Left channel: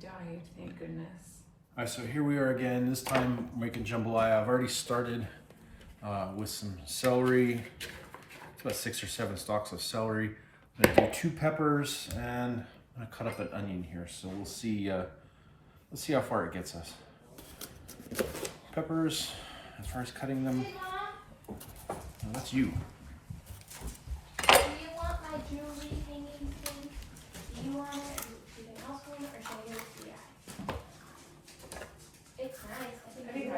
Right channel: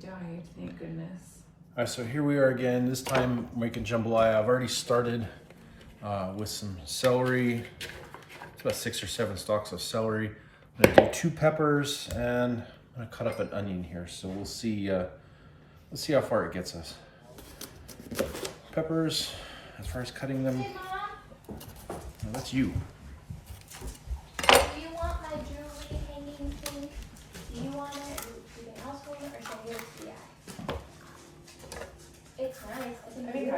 died, thank goodness. All right, so here we are again. This time making jambalaya. I've already started with some celery. It's about 6 or 7 stalks of celery. I'm gonna do 2 peppers and I'm gonna cut up an onion here. So we'll see. Let's see how far it gets us. Peppers, as far as cutting them. No, that's you. Do you want my jewelry hanging thing? Do you want it to be a house one or should I give it to you? It's nice. I think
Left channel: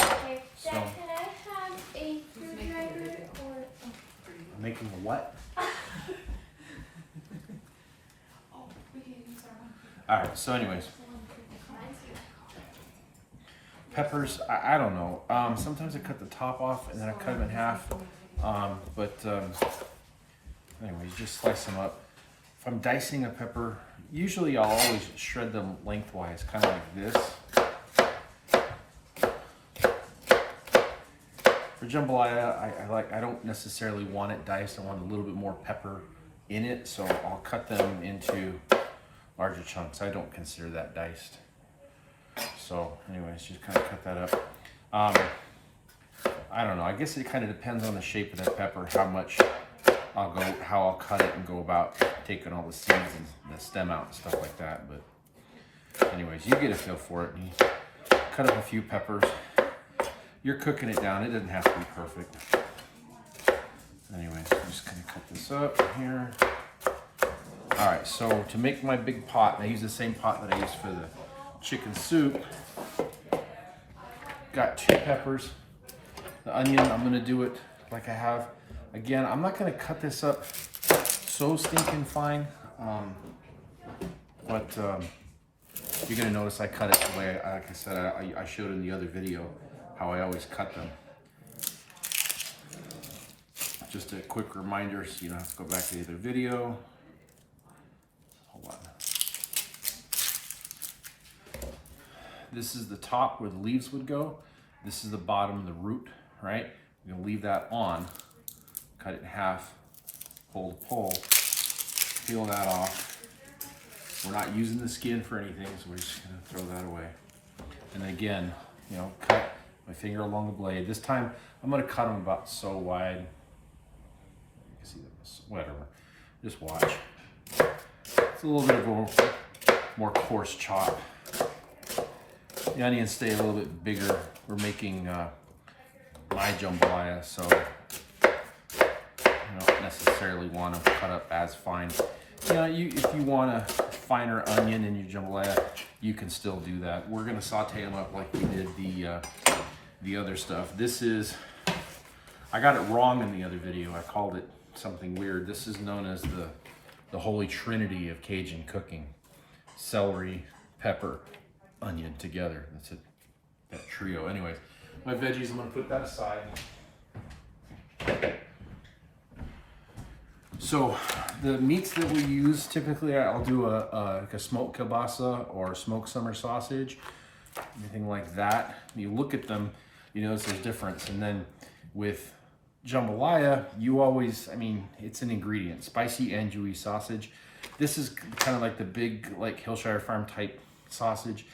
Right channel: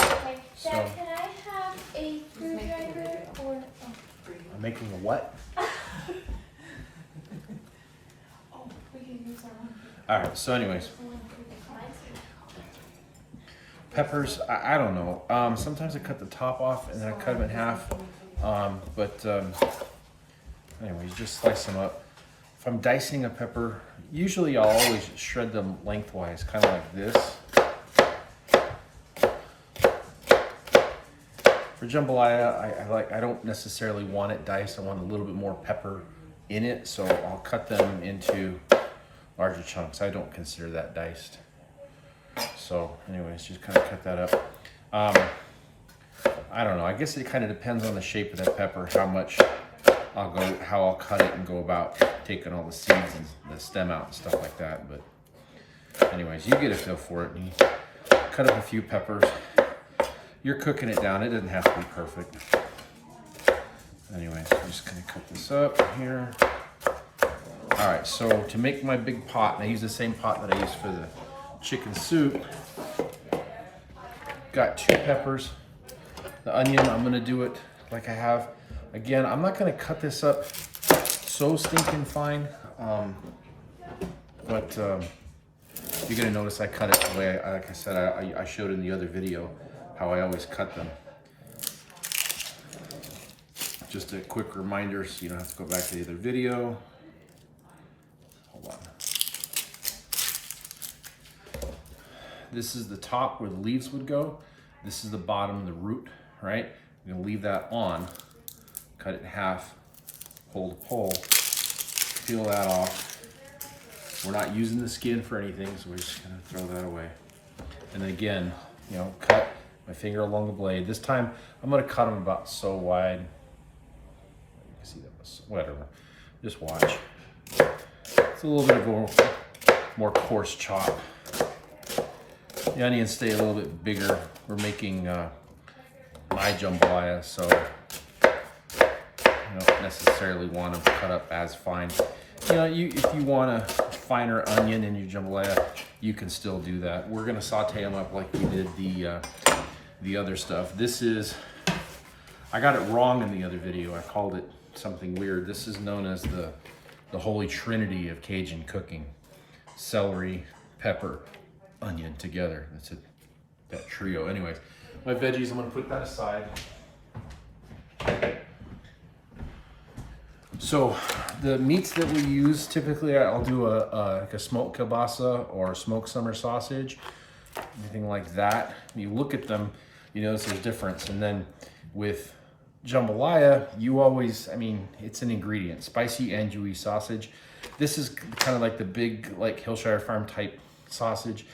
okay, So, Dad, can I have a screwdriver or I'm making a what? we can use that one. All right, so anyways. Peppers, I don't know. Sometimes I cut the top off and then I cut them in half. Anyways, just slice them up. If I'm dicing a pepper, usually I'll always shred them lengthwise, kind of like this. For jambalaya, I don't necessarily want it diced. I want a little bit more pepper in it, so I'll cut them into larger chunks. I don't consider that diced. So anyways, just kind of cut that up. I don't know, I guess it kind of depends on the shape of that pepper, how I'll cut it and go about taking all the seeds and the stem out and stuff like that. But anyways, you get a feel for it and you cut up a few peppers. You're cooking it down, it doesn't have to be perfect. Anyways, I'm just gonna cut this up here. All right, so to make my big pot, and I use the same pot that I used for the chicken soup. Got 2 peppers. The onion, I'm gonna do it like I have. Again, I'm not gonna cut this up so stinking fine, but you're gonna notice I cut it the way, like I said, I showed in the other video how I always cut them. Just a quick reminder so you don't have to go back to the other video. Hold on. This is the top where the leaves would go. This is the bottom, the root, right? I'm gonna leave that on, cut it in half, pull the pole, peel that off. We're not using the skin for anything, so we're just gonna throw that away. And again, you know, cut my finger along the blade. This time, I'm gonna cut them about so wide. You can see that, whatever, just watch. It's a little bit of a more coarse chop. The onions stay a little bit bigger. We're making my jambalaya, so you don't necessarily want them cut up as fine. You know, if you want a finer onion in your jambalaya, you can still do that. We're gonna saute them up like we did the other stuff. This is, I got it wrong in the other video. I called it something weird. This is known as the holy trinity of Cajun cooking: celery, pepper, onion together. That's it, that trio. Anyways, my veggies, I'm gonna put that aside. So the meats that we use, typically I'll do like a smoked kielbasa or smoked summer sausage, anything like that. You look at them, you notice there's difference. And then with jambalaya, you always, I mean, it's an ingredient, spicy andouille sausage. This is kind of like the big, like Hillshire Farm type sausage.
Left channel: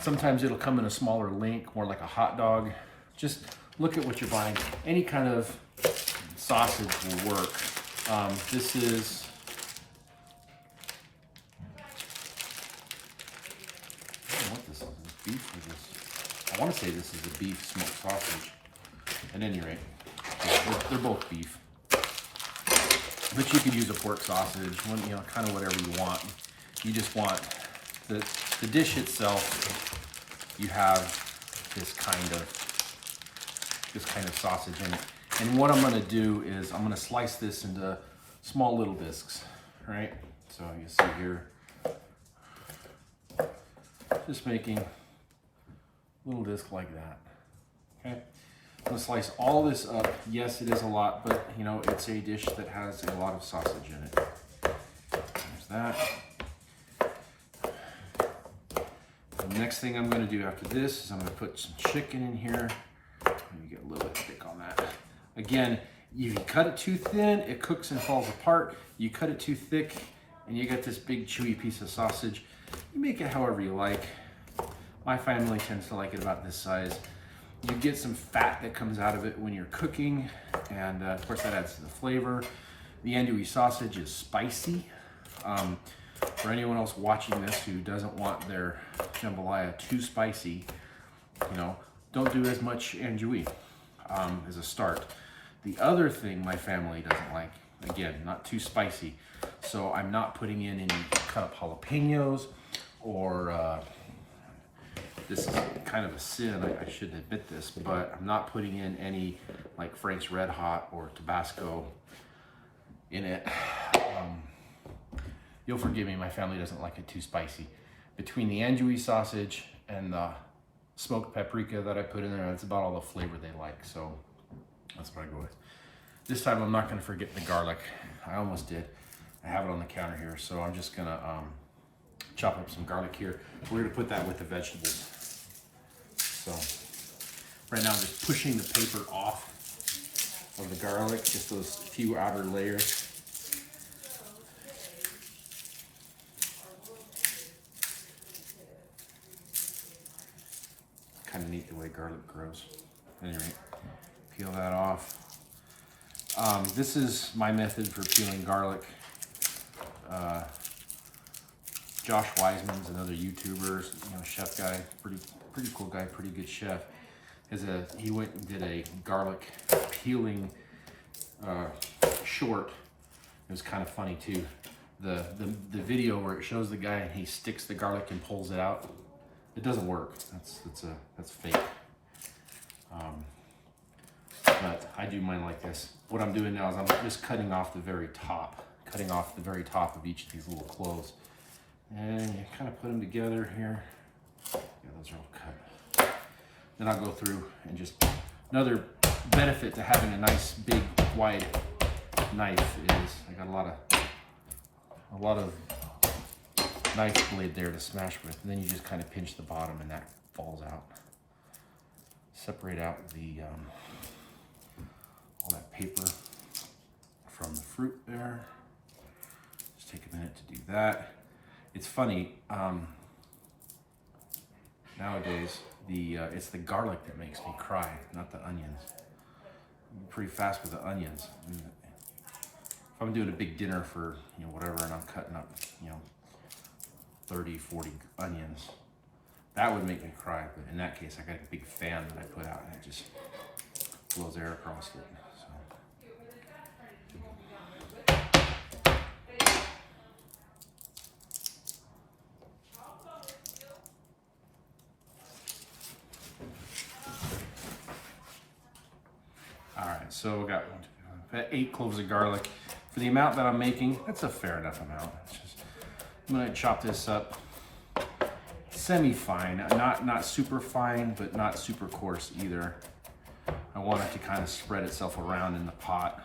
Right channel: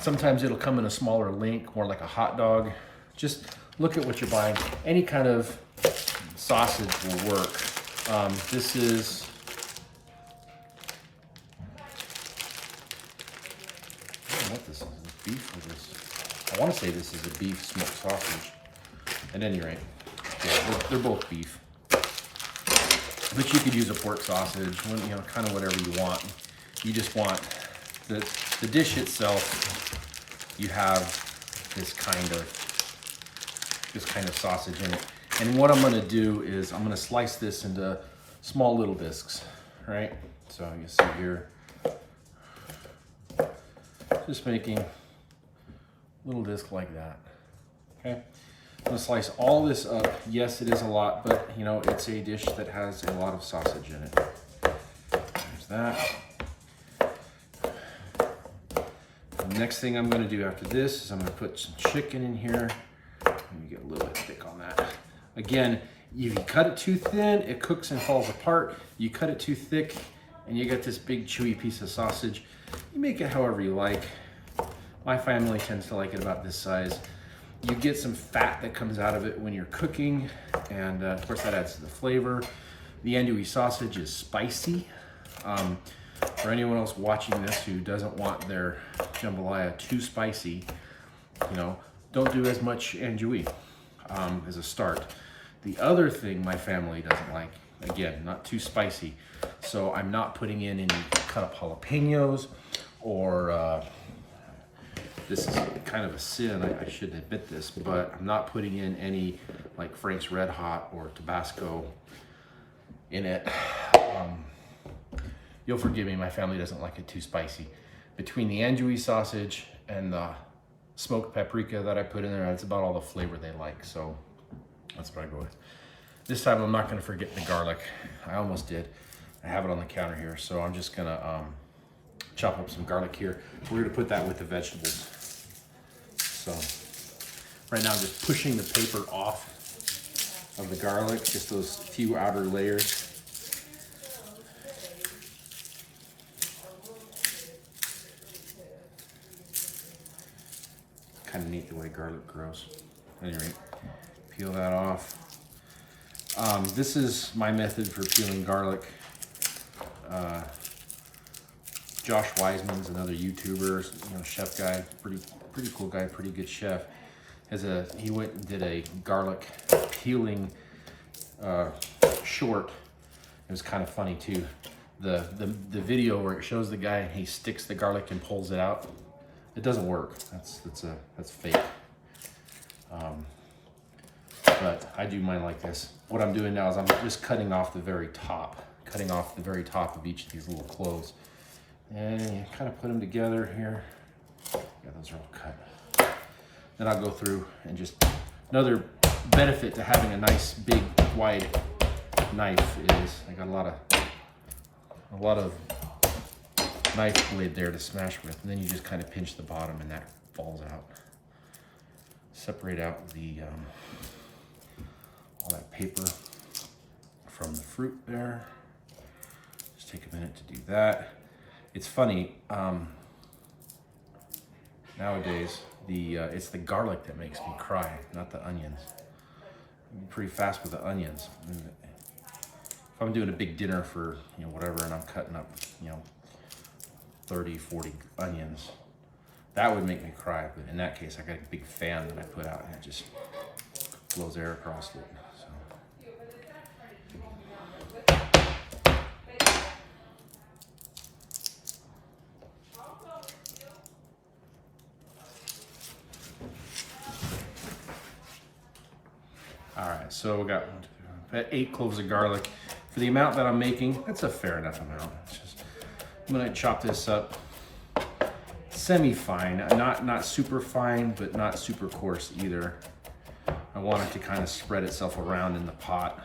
Sometimes it'll come in a smaller link, more like a hot dog. Just look at what you're buying. Any kind of sausage will work. This is, I don't know what this is. Is this beef or this? I want to say this is a beef smoked sausage. At any rate, yeah, they're both beef. But you could use a pork sausage, you know, kind of whatever you want. You just want the dish itself. You have this kind of sausage in it. And what I'm gonna do is I'm gonna slice this into small little discs, right? So you see here, just making a little disc like that, okay? I'm gonna slice all this up. Yes, it is a lot, but you know, it's a dish that has a lot of sausage in it. There's that. The next thing I'm gonna do after this is I'm gonna put some chicken in here. Let me get a little bit thick on that. Again, if you cut it too thin, it cooks and falls apart. You cut it too thick and you get this big chewy piece of sausage. You make it however you like. My family tends to like it about this size. You get some fat that comes out of it when you're cooking, and of course that adds to the flavor. The andouille sausage is spicy. For anyone else watching this who doesn't want their jambalaya too spicy, you know, don't do as much andouille as a start. The other thing my family doesn't like, again, not too spicy, so I'm not putting in any cut up jalapenos or this is kind of a sin, I shouldn't admit this, but I'm not putting in any like Frank's Red Hot or Tabasco in it. You'll forgive me, my family doesn't like it too spicy. Between the andouille sausage and the smoked paprika that I put in there, that's about all the flavor they like, so that's what I go with. This time I'm not gonna forget the garlic. I almost did. I have it on the counter here, so I'm just gonna chop up some garlic here. We're gonna put that with the vegetables. So right now I'm just pushing the paper off of the garlic, just those few outer layers. Kind of neat the way garlic grows. Anyway, peel that off. This is my method for peeling garlic. Josh Wiseman's another YouTuber, you know, chef guy, pretty cool guy, pretty good chef. He went and did a garlic peeling short. It was kind of funny too. The video where it shows the guy and he sticks the garlic and pulls it out. It doesn't work. That's fake. But I do mine like this. What I'm doing now is I'm just cutting off the very top of each of these little cloves. And you kind of put them together here. Yeah, those are all cut. Then I'll go through and just, another benefit to having a nice big wide knife is I got a lot of knife blade there to smash with, and then you just kind of pinch the bottom and that falls out. Separate out the all that paper from the fruit there. Just take a minute to do that. It's funny, nowadays it's the garlic that makes me cry, not the onions. I'm pretty fast with the onions. If I'm doing a big dinner for, you know, whatever, and I'm cutting up, you know, 30, 40 onions, that would make me cry. But in that case, I got a big fan that I put out and it just blows air across it. So. All right, so we got 8 cloves of garlic. For the amount that I'm making, that's a fair enough amount. It's just, I'm gonna chop this up semi-fine, not super fine, but not super coarse either. I want it to kind of spread itself around in the pot.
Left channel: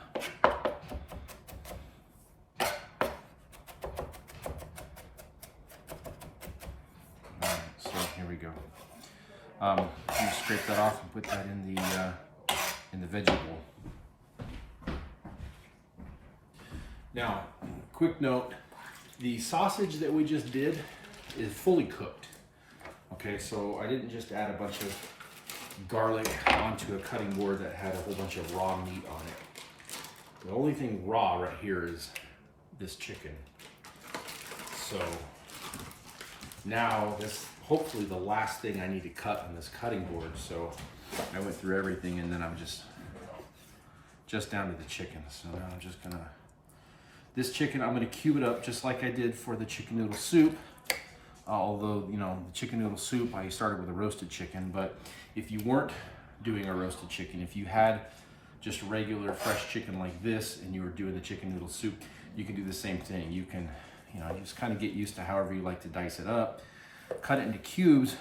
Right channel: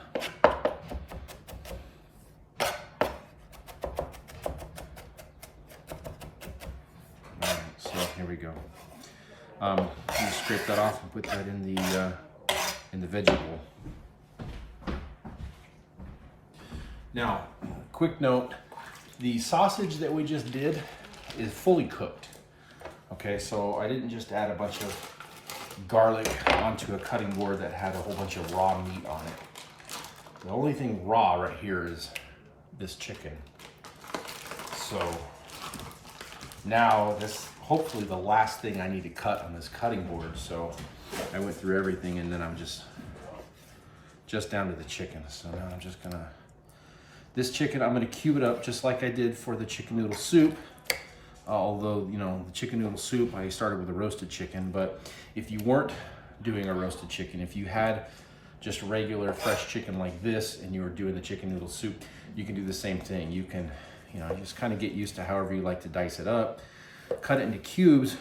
All right, so here we go. You scrape that off and put that in the veggie bowl. Now, quick note, the sausage that we just did is fully cooked. Okay, so I didn't just add a bunch of garlic onto a cutting board that had a whole bunch of raw meat on it. The only thing raw right here is this chicken. So now this hopefully the last thing I need to cut on this cutting board. So I went through everything and then I'm just down to the chicken. So now I'm just gonna, this chicken, I'm gonna cube it up just like I did for the chicken noodle soup. Although, you know, the chicken noodle soup, I started with a roasted chicken, but if you weren't doing a roasted chicken, if you had just regular fresh chicken like this and you were doing the chicken noodle soup, you can do the same thing. You can, you know, just kind of get used to however you like to dice it up, cut it into cubes,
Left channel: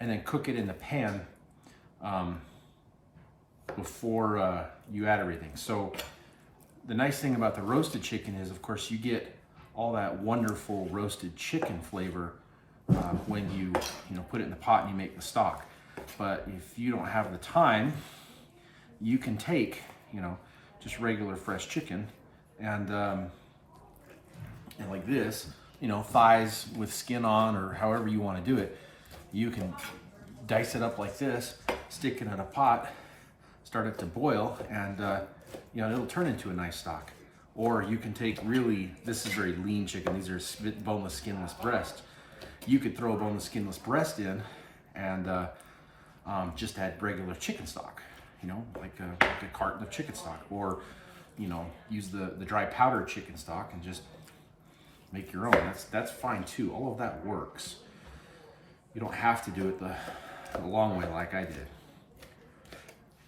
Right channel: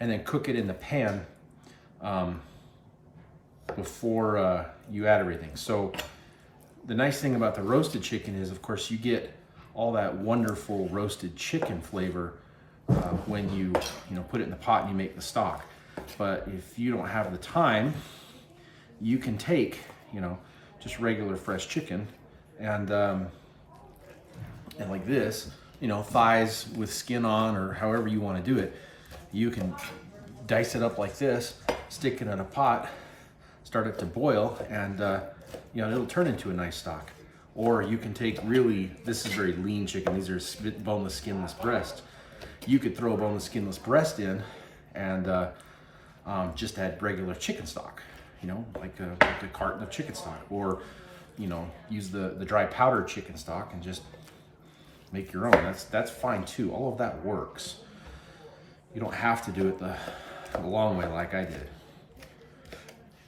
and then cook it in the pan before you add everything. So the nice thing about the roasted chicken is, of course, you get all that wonderful roasted chicken flavor when you put it in the pot and you make the stock. But if you don't have the time, you can take, just regular fresh chicken and And like this, you know, thighs with skin on, or however you want to do it, you can dice it up like this, stick it in a pot, start it to boil, and you know, it'll turn into a nice stock. Or you can take this is very lean chicken. These are boneless, skinless breasts. You could throw a boneless, skinless breast in and just add regular chicken stock, you know, like a carton of chicken stock. Or, you know, use the dry powdered chicken stock and just make your own. That's fine too. All of that works. You don't have to do it the long way like I did.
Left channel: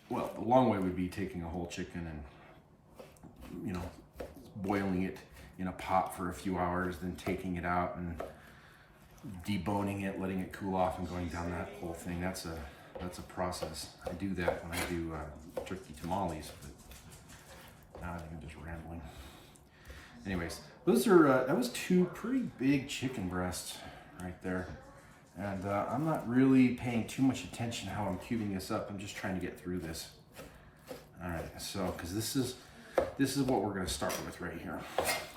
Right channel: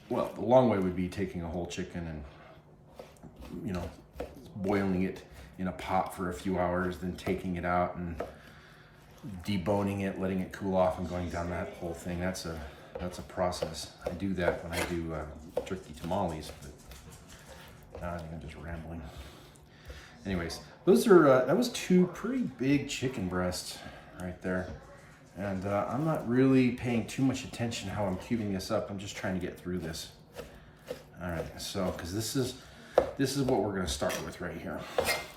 Well, the long way would be taking a whole chicken and, you know, boiling it in a pot for a few hours, then taking it out and deboning it, letting it cool off, and going down that whole thing. That's a process. I do that when I do turkey tamales, but now I think I'm just rambling. Anyways, those are that was 2 pretty big chicken breasts right there, and I'm not really paying too much attention how I'm cubing this up. I'm just trying to get through this. All right, so because this is what we're going to start with right here.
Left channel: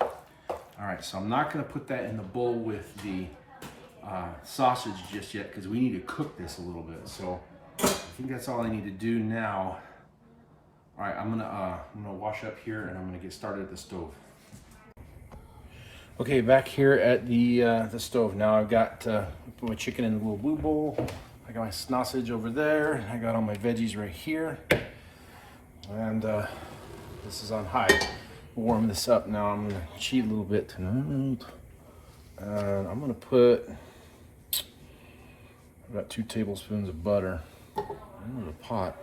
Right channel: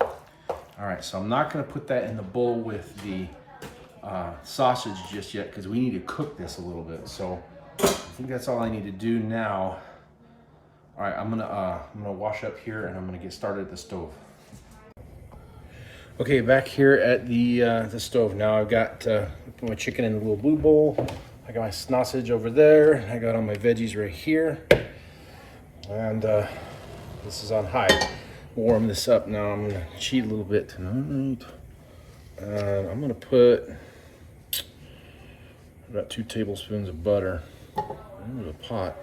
All right, so I'm not going to put that in the bowl with the sausage just yet, because we need to cook this a little bit. So I think that's all I need to do now. All right, I'm gonna wash up here, and I'm gonna get started at the stove. Okay, back here at the stove now. I've got put my chicken in a little blue bowl. I got my snausage over there, and I got all my veggies right here. And this is on high. Warm this up now. I'm gonna cheat a little bit tonight. And I'm gonna put about 2 tablespoons of butter into the pot,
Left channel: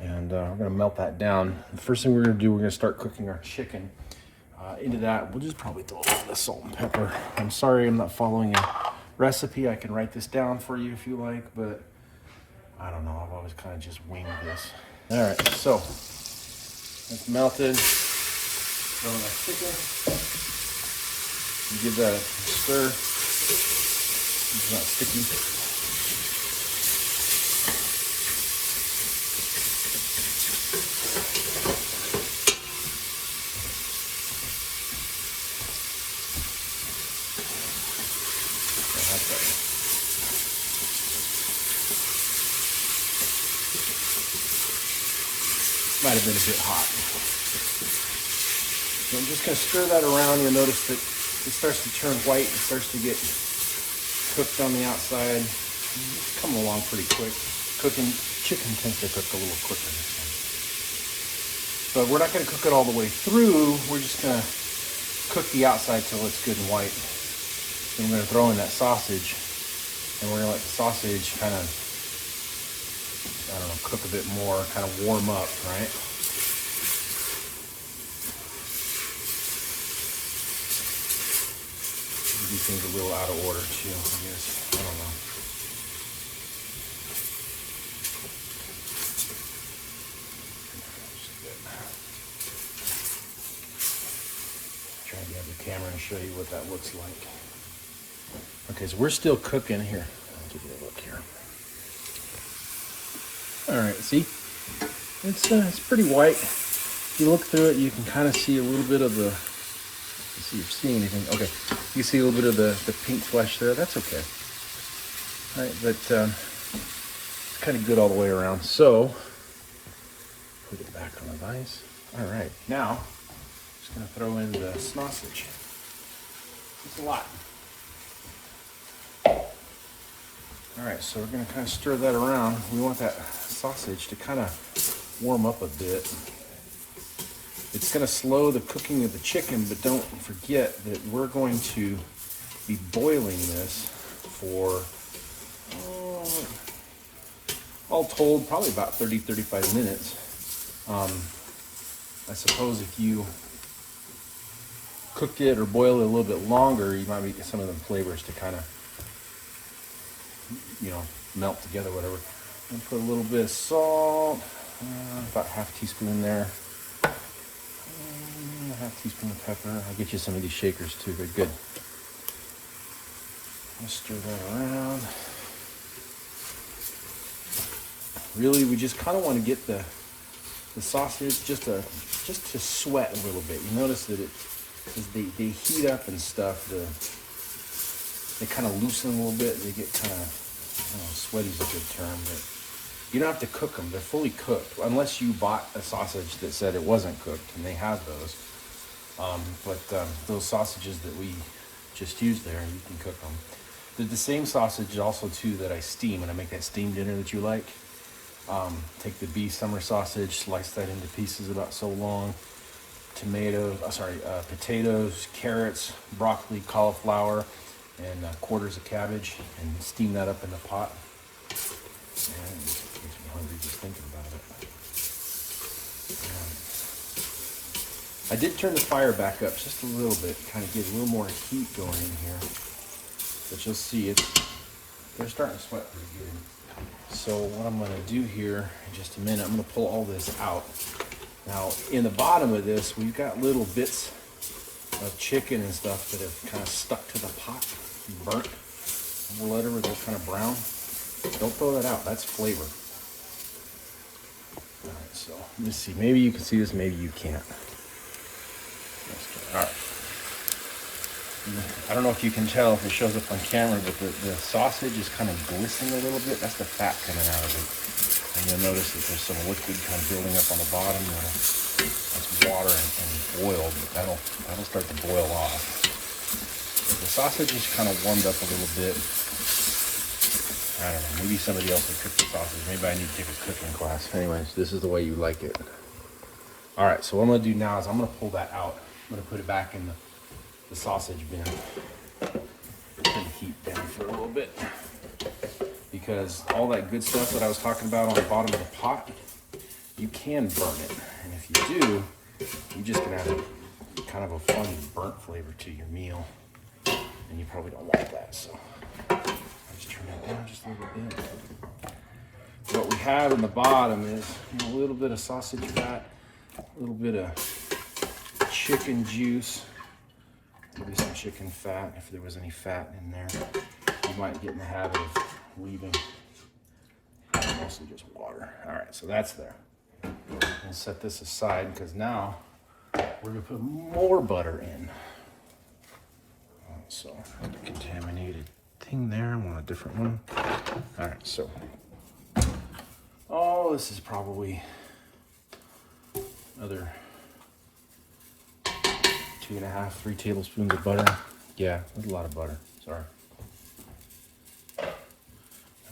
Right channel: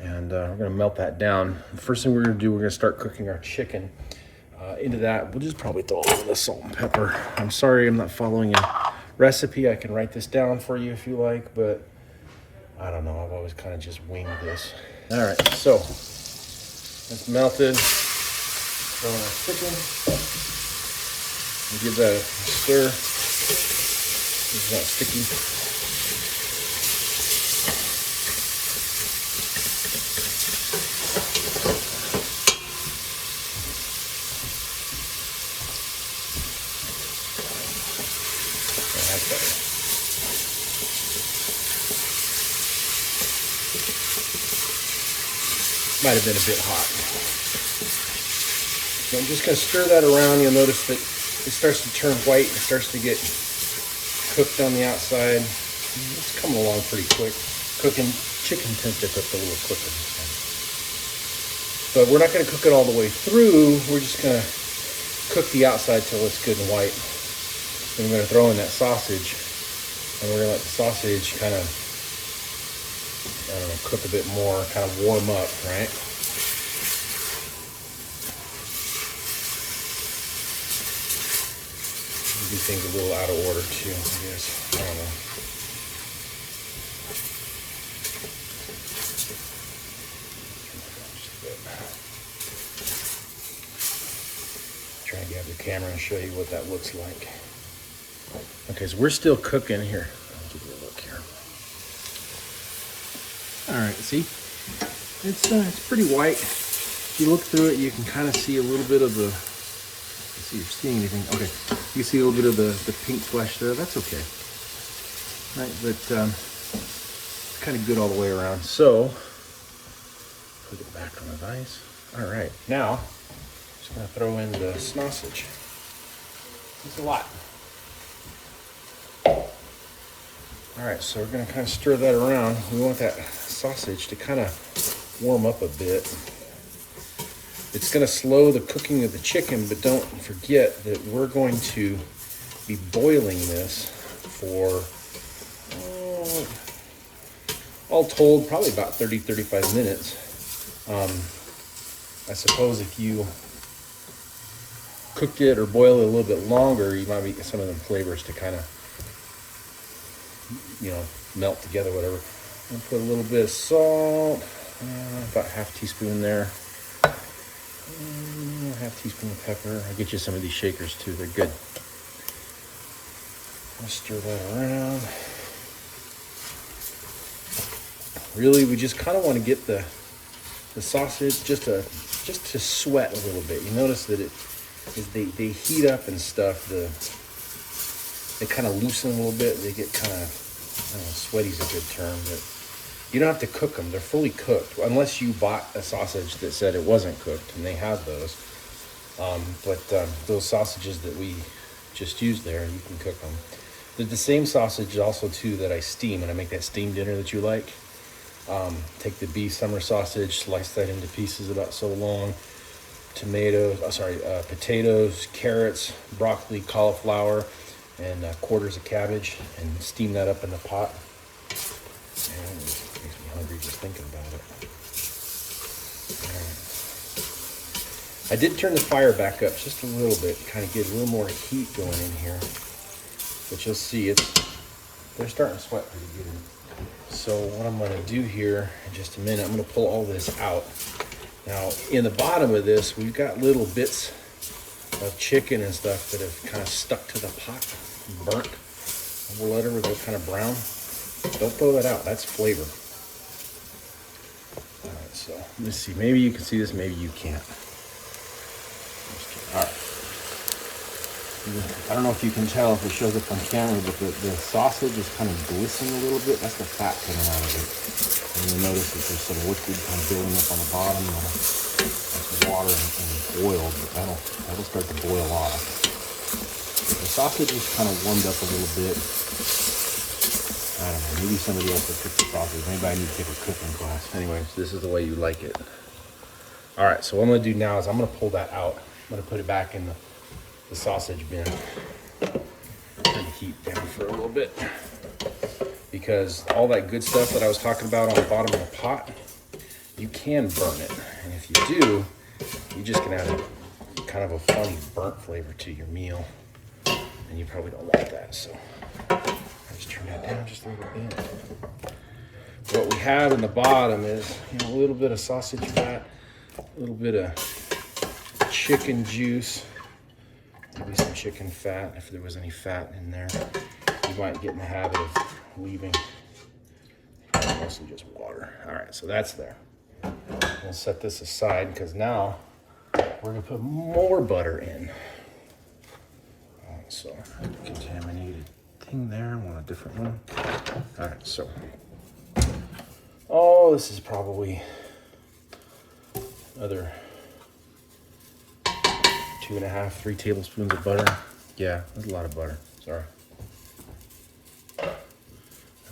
and we're gonna melt that down. The first thing we're gonna do, we're gonna start cooking our chicken. Into that, we'll just probably throw a little bit of salt and pepper. I'm sorry I'm not following a recipe. I can write this down for you if you like, but I don't know. I've always kind of just winged this. All right, so it's melted. Throw in our chicken. You give that a stir. It's not sticky. Might have been a bit hot. So I'm just going to stir that around. You'll notice that it starts to turn white. It starts to get cooked on the outside. It's coming along pretty quick. Chicken tends to cook a little quicker. But we're not going to cook it all the way through. We're just going to cook the outside till it's good and white. Then we're going to throw in that sausage, and we're going to let the sausage kind of, I don't know, cook a bit more, kind of warm up, right? Do things a little out of order too, I guess. I don't know. Trying to grab the camera and show you what that looks like. Okay, so we're still cooking here. I'll give you a look here. All right, see, it's pretty white. If you look through it, you can kind of see a little bit of the. See if you're seeing anything. Okay, you see a little bit of the pink flesh there. That's okay. All right, but it's kind of good all the way around. So put it back on the vise. All right, now just gonna throw in the snausage. It's a lot. All right, so we're gonna kind of stir that around. We want that sausage to kind of warm up a bit. It's going to slow the cooking of the chicken, but don't forget that we're going to be boiling this for, all told, probably about 30-35 minutes. I suppose if you cooked it or boiled it a little bit longer, you might get some of the flavors to kind of, you know, melt together, whatever. And put a little bit of salt, about half a teaspoon there. Half teaspoon of pepper. I'll get you some of these shakers too. They're good. I'll stir that around. Really, we just kind of want to get the sausage just to sweat a little bit. You notice that is they heat up and stuff. They kind of loosen a little bit. They get kind of, I don't know, sweaty's a good term, but you don't have to cook them. They're fully cooked, unless you bought a sausage that said it wasn't cooked, and they have those. But those sausages that we just used there, you can cook them. They're the same sausage also too that I steam, and I make that steam dinner that you like. Take the beef summer sausage, slice that into pieces about so long. Potatoes, carrots, broccoli, cauliflower, and quarters of cabbage, and steam that up in the pot. And it makes me hungry just thinking about it. I did turn the fire back up just a little bit, kind of get a little more heat going in here. But you'll see they're starting to sweat pretty good. So what I'm gonna do here in just a minute, I'm gonna pull all this out. Now, in the bottom of this, we've got little bits of chicken and stuff that have kind of stuck to the pot, burnt, or whatever, they're kind of brown. Don't throw that out, that's flavor. All right, so let's see, maybe you can see this, maybe you can't. All right. I don't know if you can tell if it shows up on camera, but the sausage is kind of glistening a little bit. That's the fat coming out of it. And you'll notice that there's some liquid kind of building up on the bottom. That's water and oil, but that'll start to boil off. The sausage is kind of warmed up a little bit. I don't know, maybe somebody else will cook the sausage. Maybe I need to take a cooking class. Anyways, this is the way you like it. All right, so what I'm gonna do now is I'm gonna pull that out. I'm gonna put it back in the sausage bin. Turn the heat down for a little bit, because all that good stuff that I was talking about on the bottom of the pot, you can burn it, and if you do, you just can add kind of a funny burnt flavor to your meal, and you probably don't want that. So I just turn that down just a little bit. What we have in the bottom is, you know, a little bit of sausage fat, a little bit of chicken juice. Maybe some chicken fat, if there was any fat in there. You might get in the habit of leaving mostly just water. All right, so that's there. We'll set this aside because now we're gonna put more butter in. All right, so contaminated thing there. I want a different one. All right, so this is probably other 2.5, 3 tablespoons of butter. Yeah, that's a lot of butter. Sorry. All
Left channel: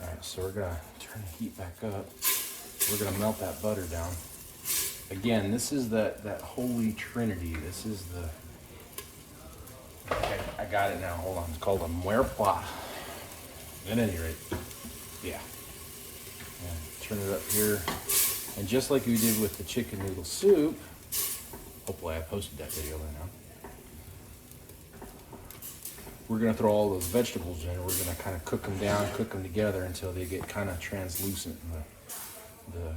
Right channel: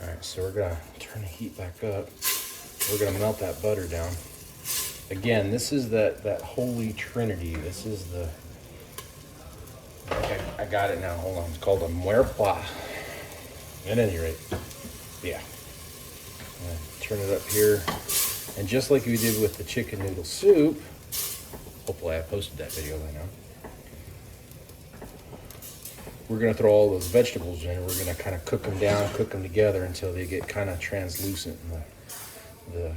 right, so we're gonna turn the heat back up. We're gonna melt that butter down. Again, this is that holy trinity. This is the, I got it now, hold on. It's called a muerpla. At any rate, yeah. Turn it up here. And just like we did with the chicken noodle soup, hopefully I posted that video by now. We're gonna throw all those vegetables in. We're gonna kind of cook them down, cook them together until they get kind of translucent. And the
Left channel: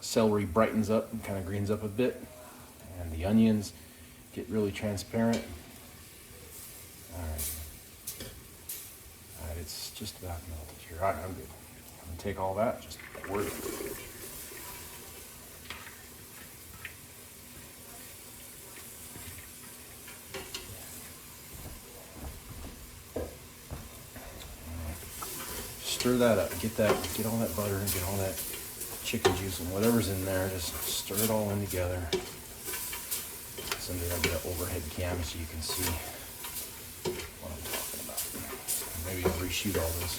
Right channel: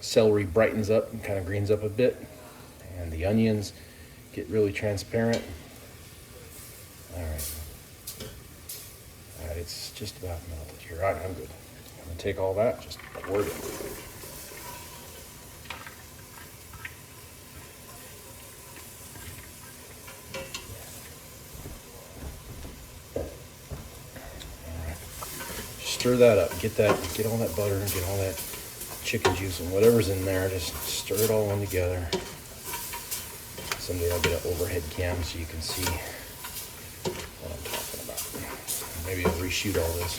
celery brightens up and kind of greens up a bit, and the onions get really transparent. All right, it's just about melted here. All right, I'm good. I'm gonna take all that, just pour it in. Stir that up, get all that butter and get all that chicken juice and whatever's in there, just stir it all in together. Someday I'll get an overhead cam so you can see what I'm talking about. Maybe I'll reshoot all this.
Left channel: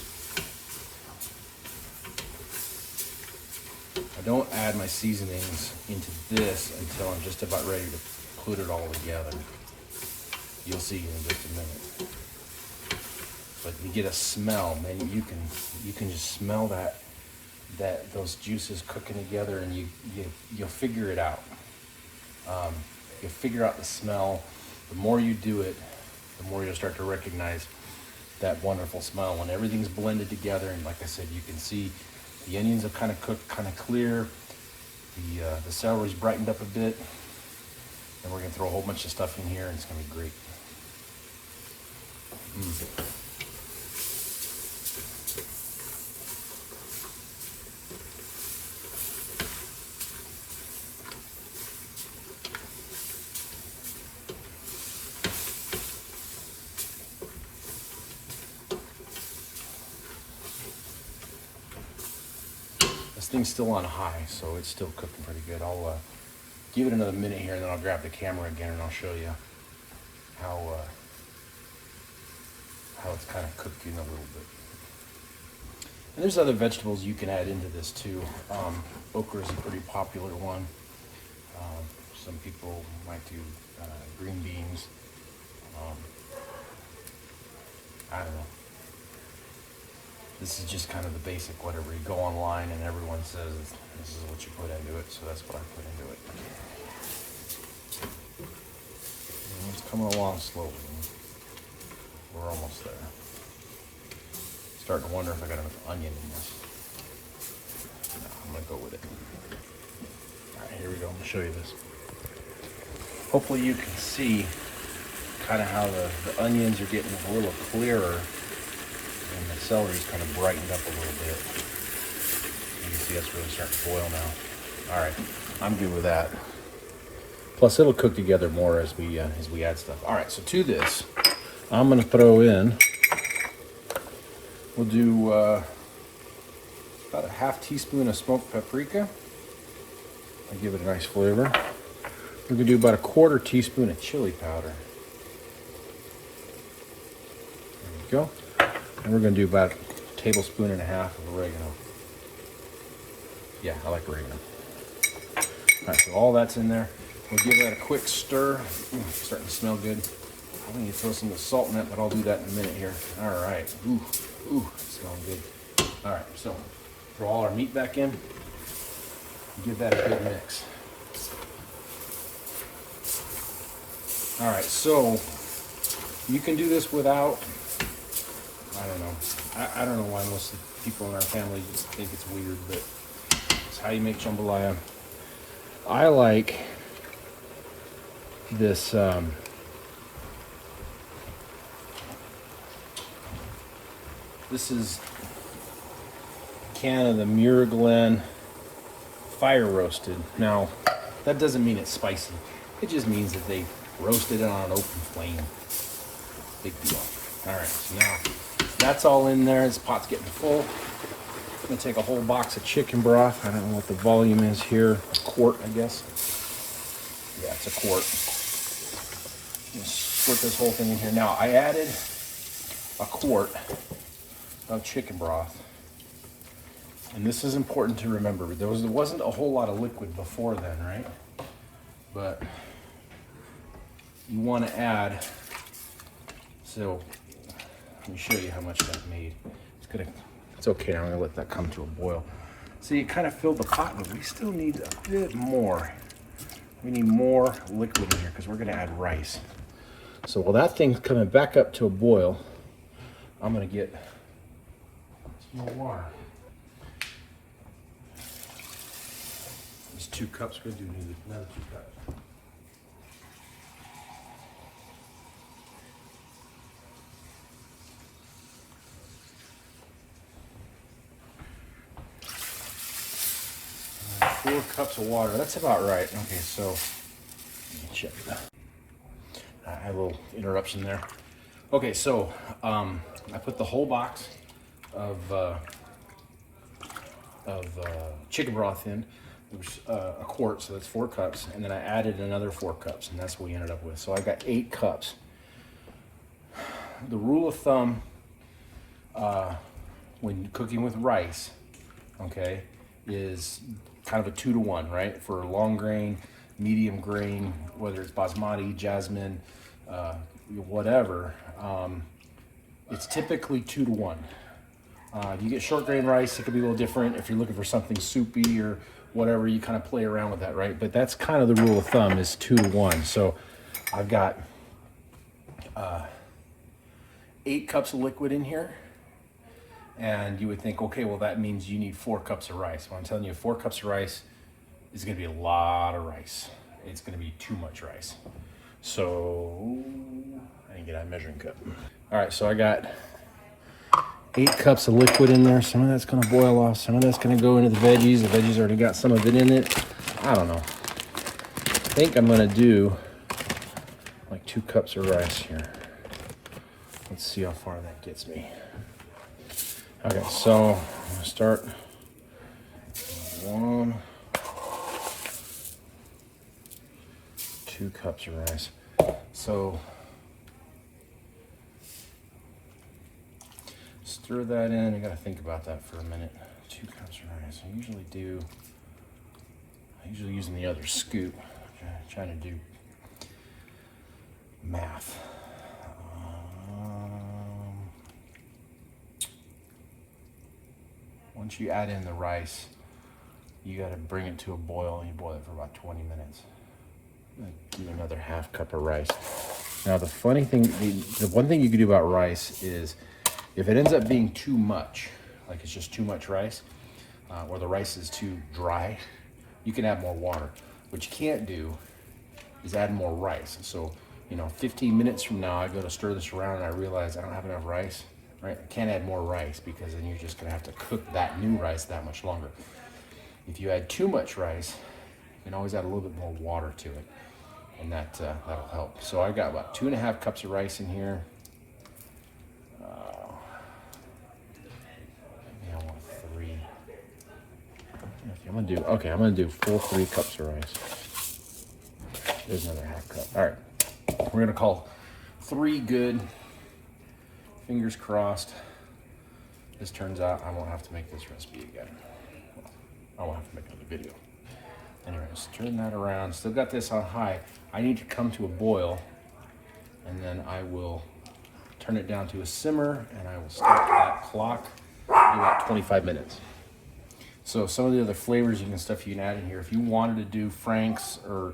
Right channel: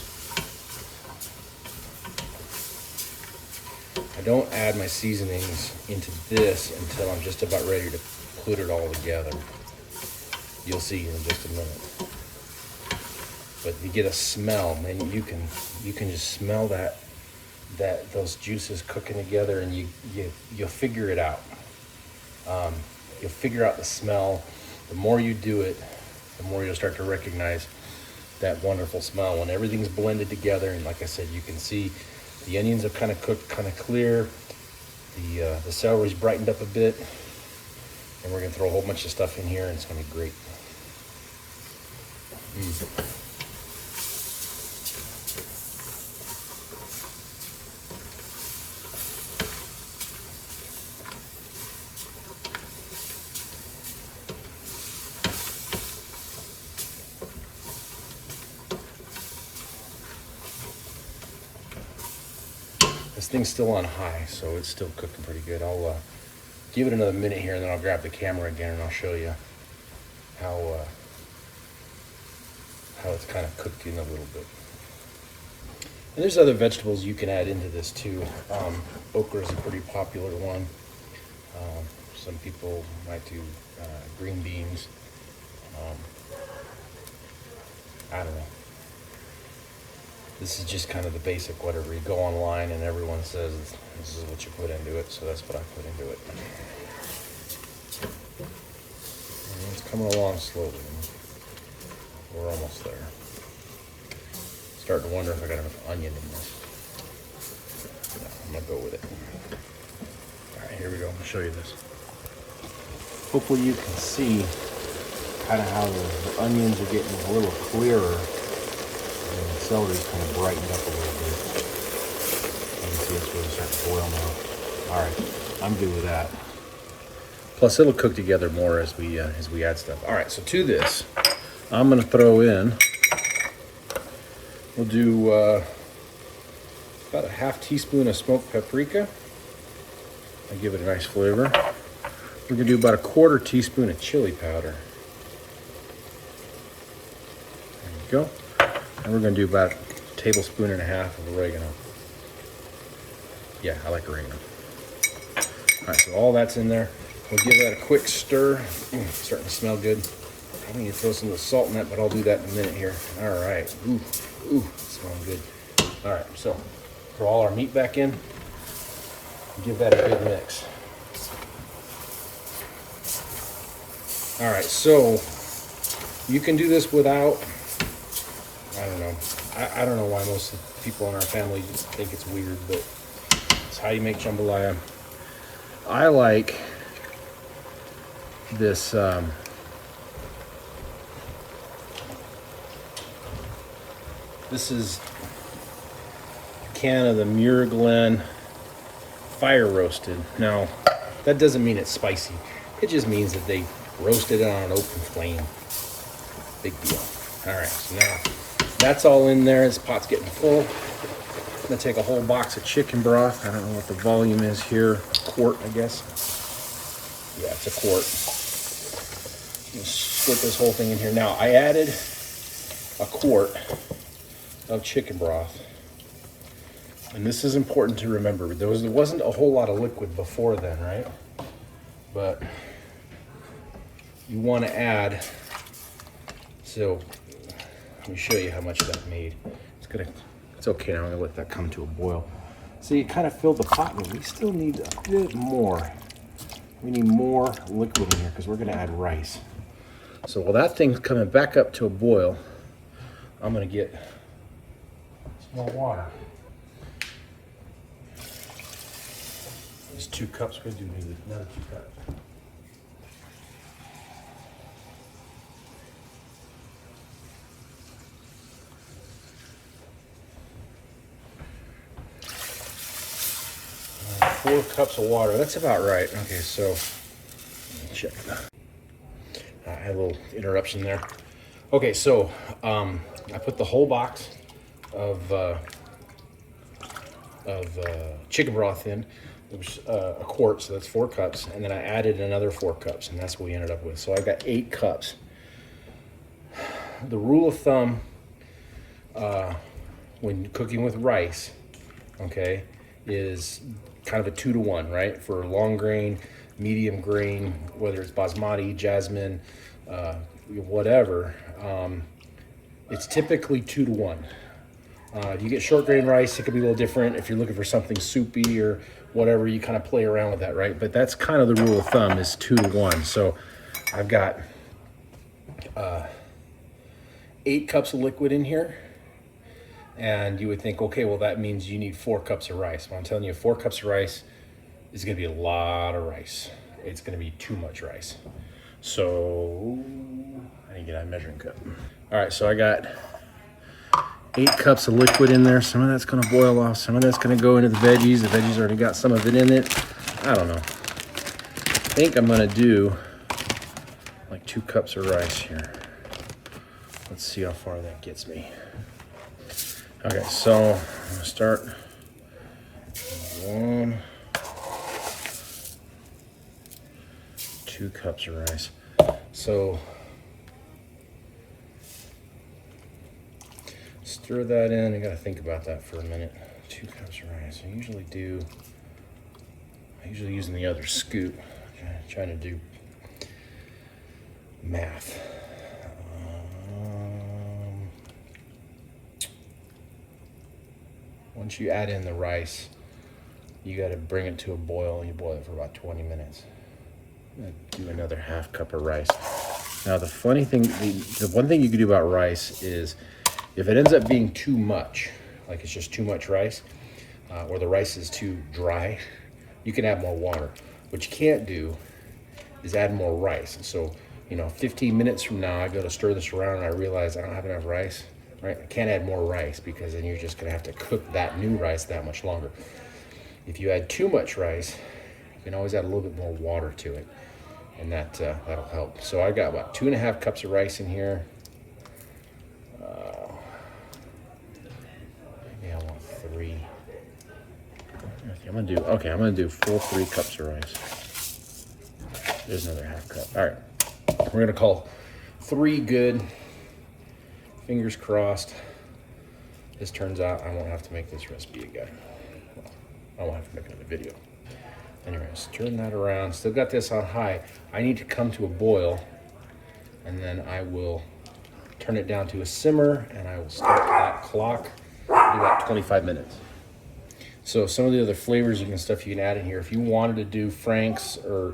I don't add my seasonings into this until I'm just about ready to put it all together. You'll see in just a minute. But you get a smell, man. You can just smell those juices cooking together, and you'll figure it out. You'll figure out the smell. The more you do it, the more you'll start to recognize that wonderful smell when everything's blended together. And like I said, you can see the onions have kind of cooked, kind of clear. The celery's brightened up a bit, and we're gonna throw a whole bunch of stuff in here, and it's gonna be great. This thing's still on high, so it's still cooking pretty good. I'll give it another minute here, and then I'll grab the camera again, and I'll show you how it's kind of cooked in a little bit. And there's other vegetables you can add into this too. Okra is a pretty popular one. Some people might do green beans. I don't know. This is just kind of the basic whatever. You go online and everyone says this is what you put into it, so that's what I put into it. And it's coming along slowly. We're almost there. Starting to wonder if I got enough onion in this. No, I'm gonna go with it. All right, here we go. I'm gonna show you this. Hopefully you can see kind of how the onions are getting a little clearer, and the celery's kind of brightened up a little bit. You can see that's really starting to boil now. All right, I'm good with that. Plus, it'll cook together more as we add stuff. All right, so to this, I'm gonna throw in. We'll do about a half teaspoon of smoked paprika. I'll give it a nice flavor. We're gonna do about a quarter teaspoon of chili powder. There you go. And we're gonna do about a tablespoon and a half of oregano. Yeah, I like oregano. All right, so all that's in there. We'll give that a quick stir. It's starting to smell good. I need to throw some of the salt in that, but I'll do that in a minute here. All right. Ooh, it's smelling good. All right, so throw all our meat back in. Give that a good mix. All right, so you can do this without, I don't know. I don't know why most of the people in our family just think it's weird, but it's how you make jambalaya. I like this, this is a can of the Muir Glen fire roasted. Now, that doesn't mean it's spicy. It just means that they roasted it on an open flame. Big deal. All right, so now that's all in there. This pot's getting full. I'm gonna take a whole box of chicken broth. I don't know what the volume is here. A quart, I guess. Yeah, it's a quart. Squirt this whole thing in here. Now, I added a quart of chicken broth. And this is important to remember. There wasn't a whole lot of liquid before then, right? But you want to add, so let me show you how much that made. It's okay now, I'm gonna let that come to a boil. So you kind of filled the pot, but we still need a bit more. We need more liquid in here because we're gonna add rice. So while that thing's coming back up to a boil, I'm gonna get some more water. There's 2 cups, we're gonna do another 2 cups. And 4 cups of water, that's about right. Okay, so let me check that. I had a little interruption there. Okay, so I put the whole box of chicken broth in. It was a quart, so that's 4 cups, and then I added another 4 cups, and that's what we ended up with. So I've got 8 cups. The rule of thumb when cooking with rice, okay, is kind of a 2 to 1, right? For long grain, medium grain, whether it's basmati, jasmine, whatever, it's typically 2 to 1. You get short grain rice, it could be a little different. If you're looking for something soupy or whatever, you kind of play around with that, right? But that's kind of the rule of thumb, is 2 to 1. So I've got 8 cups of liquid in here. And you would think, okay, well, that means you need 4 cups of rice. Well, I'm telling you, 4 cups of rice is gonna be a lot of rice. It's gonna be too much rice. So I didn't get out a measuring cup. All right, so I got 8 cups of liquid in there. Some of that's gonna boil off. Some of that's gonna go into the veggies. The veggies already got some of it in it. I don't know. I think I'm gonna do like 2 cups of rice here. Let's see how far that gets me. Okay, so I'm gonna start 1, 2 cups of rice. So stir that in. I gotta think about that for a minute. 2 cups of rice. I usually using the other scoop. Trying to do math. Once you add in the rice, you got to bring it to a boil, and you boil it for about 20 minutes. Do another half cup of rice. Now the funny thing, the one thing you can do about rice is if it ends up being too much, like it's just too much rice, or the rice is too dry, you can add more water. What you can't do is add more rice. So, 15 minutes from now, I go to stir this around and I realize I don't have enough rice, right? I can't add more rice because then you're just gonna have to cook that new rice that much longer. If you add too much rice, you can always add a little bit more water to it, and that'll help. So I got about 2.5 cups of rice in here. Maybe I want 3. I'm gonna do full 3 cups of rice. There's another half cup. All right, we're gonna call 3 good. Fingers crossed. This turns out I won't have to make this recipe again. Well, I won't have to make another video. Anyways, turn that around. Still got this on high. I need to come to a boil, and then I will turn it down to a simmer, and I will start that clock. Do about 25 minutes. So some of the other flavors you can add in here. If you wanted to do Frank's or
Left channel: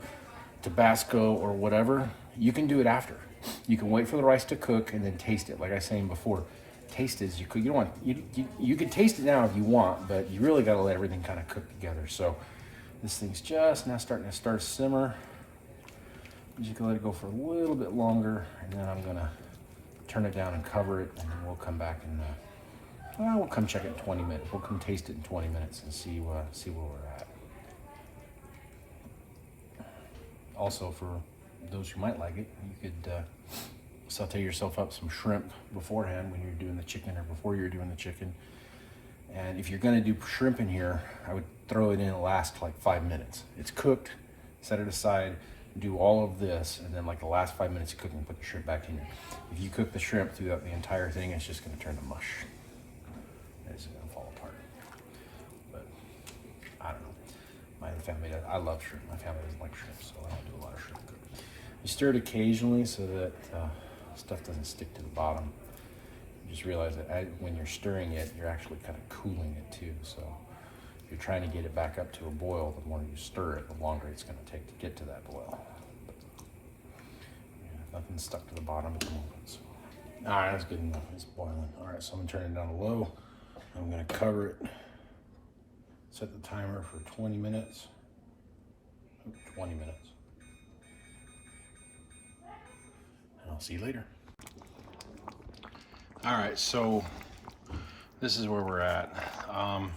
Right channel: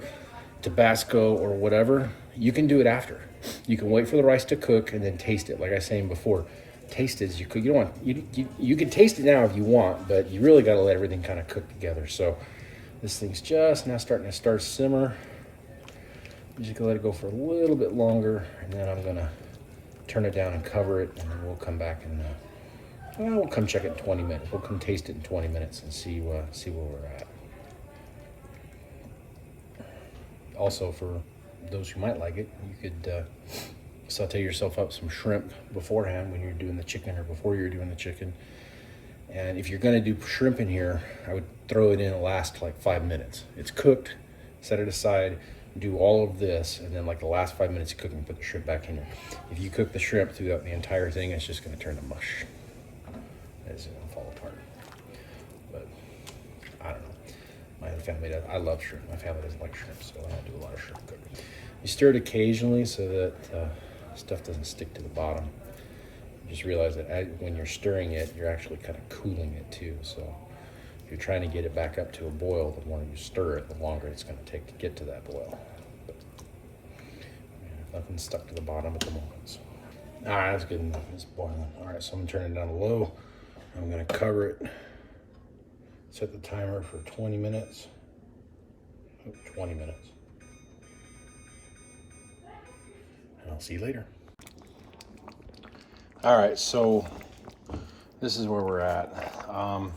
Tabasco or whatever, you can do it after. You can wait for the rice to cook and then taste it. Like I was saying before, taste it as you cook. You can taste it now if you want, but you really got to let everything kind of cook together. So this thing's just now starting to simmer. I'm just gonna let it go for a little bit longer, and then I'm gonna turn it down and cover it, and then we'll come back and we'll come check it in 20 minutes. We'll come taste it in 20 minutes and see where we're at. Also, for those who might like it, you could saute yourself up some shrimp beforehand when you're doing the chicken, or before you're doing the chicken. And if you're gonna do shrimp in here, I would throw it in and last like 5 minutes. It's cooked, set it aside, do all of this, and then like the last 5 minutes of cooking, put the shrimp back in there. If you cook the shrimp throughout the entire thing, it's just gonna turn to mush. It's gonna fall apart. But I don't know. My family does. I love shrimp. My family doesn't like shrimp, so I don't do a lot of shrimp cooking. You stir it occasionally so that stuff doesn't stick to the bottom. Just realize that when you're stirring it, you're actually kind of cooling it too. So if you're trying to get it back up to a boil, the more you stir it, the longer it's going to take to get to that boil. But, nothing's stuck to the bottom at the moment. So. All right, that's good enough. It's boiling. All right, so I'm going to turn it down to low. I'm going to cover it. Set the timer for 20 minutes. 20 minutes. And I'll see you later. All right, so this is where we're at. I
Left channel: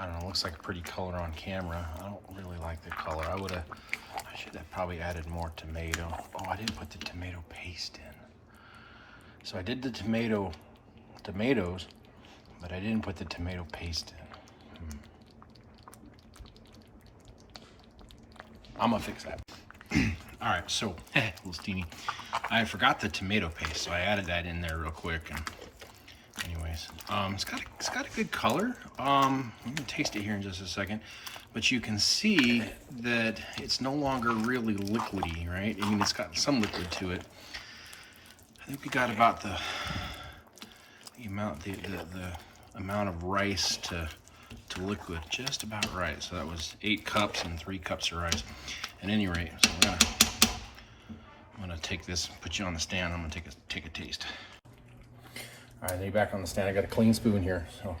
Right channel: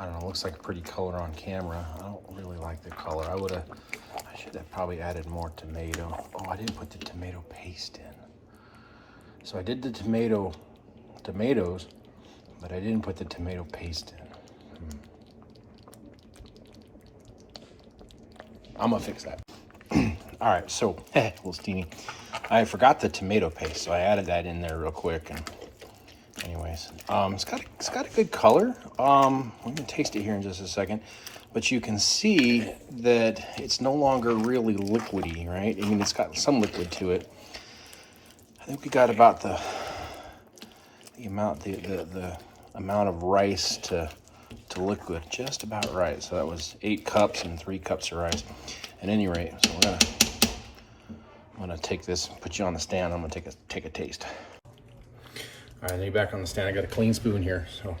don't know, it looks like a pretty color on camera. I don't really like the color. I should have probably added more tomato. Oh, I didn't put the tomato paste in. So I did the tomatoes, but I didn't put the tomato paste in. I'm gonna fix that. All right, so, a little steamy. I forgot the tomato paste, so I added that in there real quick. And anyways, it's got a good color. I'm gonna taste it here in just a second, but you can see that it's no longer really liquidy, right? I mean, it's got some liquid to it. I think we got about the amount of rice to liquid just about right. So that was 8 cups and 3 cups of rice. At any rate, so I'm gonna take this, put you on the stand. I'm gonna take a taste. All right, then you're back on the stand. I got a clean spoon here. So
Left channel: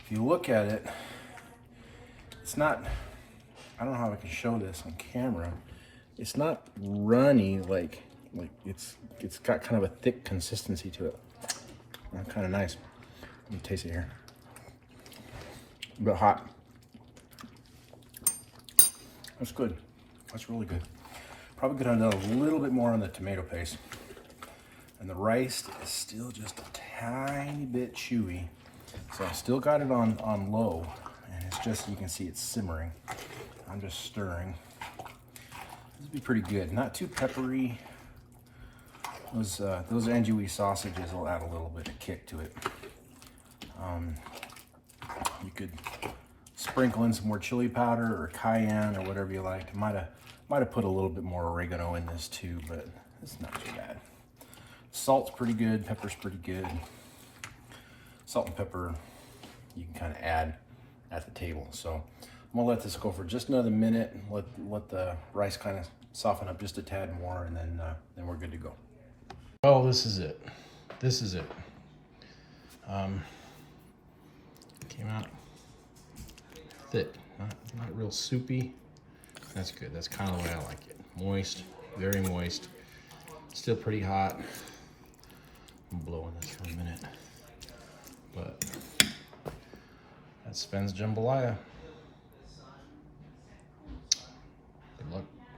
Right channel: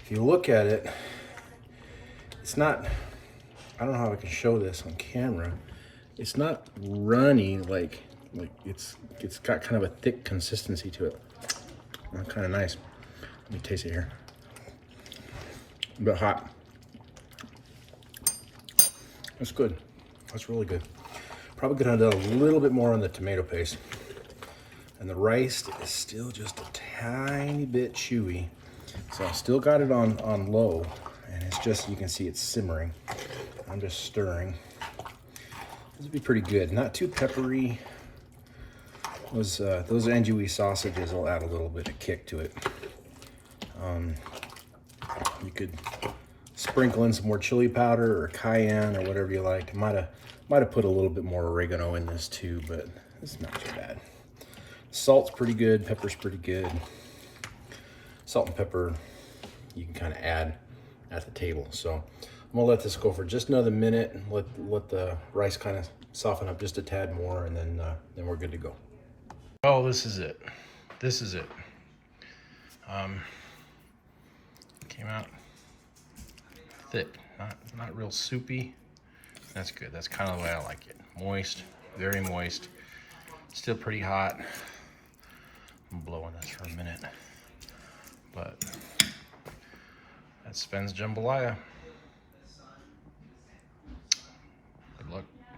if you look at it, it's not, I don't know how I can show this on camera. It's not runny, like it's got kind of a thick consistency to it. Kind of nice. Let me taste it here. A bit hot. That's good. That's really good. Probably could have done a little bit more on the tomato paste. And the rice is still just a tiny bit chewy. So I still got it on low. And it's just, you can see it's simmering. I'm just stirring. This would be pretty good. Not too peppery. Those andouille sausages will add a little bit of kick to it. You could sprinkle in some more chili powder or cayenne or whatever you like. Might have put a little bit more oregano in this too, but it's not too bad. Salt's pretty good, pepper's pretty good. Salt and pepper you can kind of add at the table. So I'm gonna let this go for just another minute and let the rice kind of soften up just a tad more, and then we're good to go. Oh, this is it. This is it. Came out thick, not real soupy. That's good. That's kind of the way I like it. Moist, very moist. Still pretty hot. I'm blowing this for a minute, but that's Sven's jambalaya.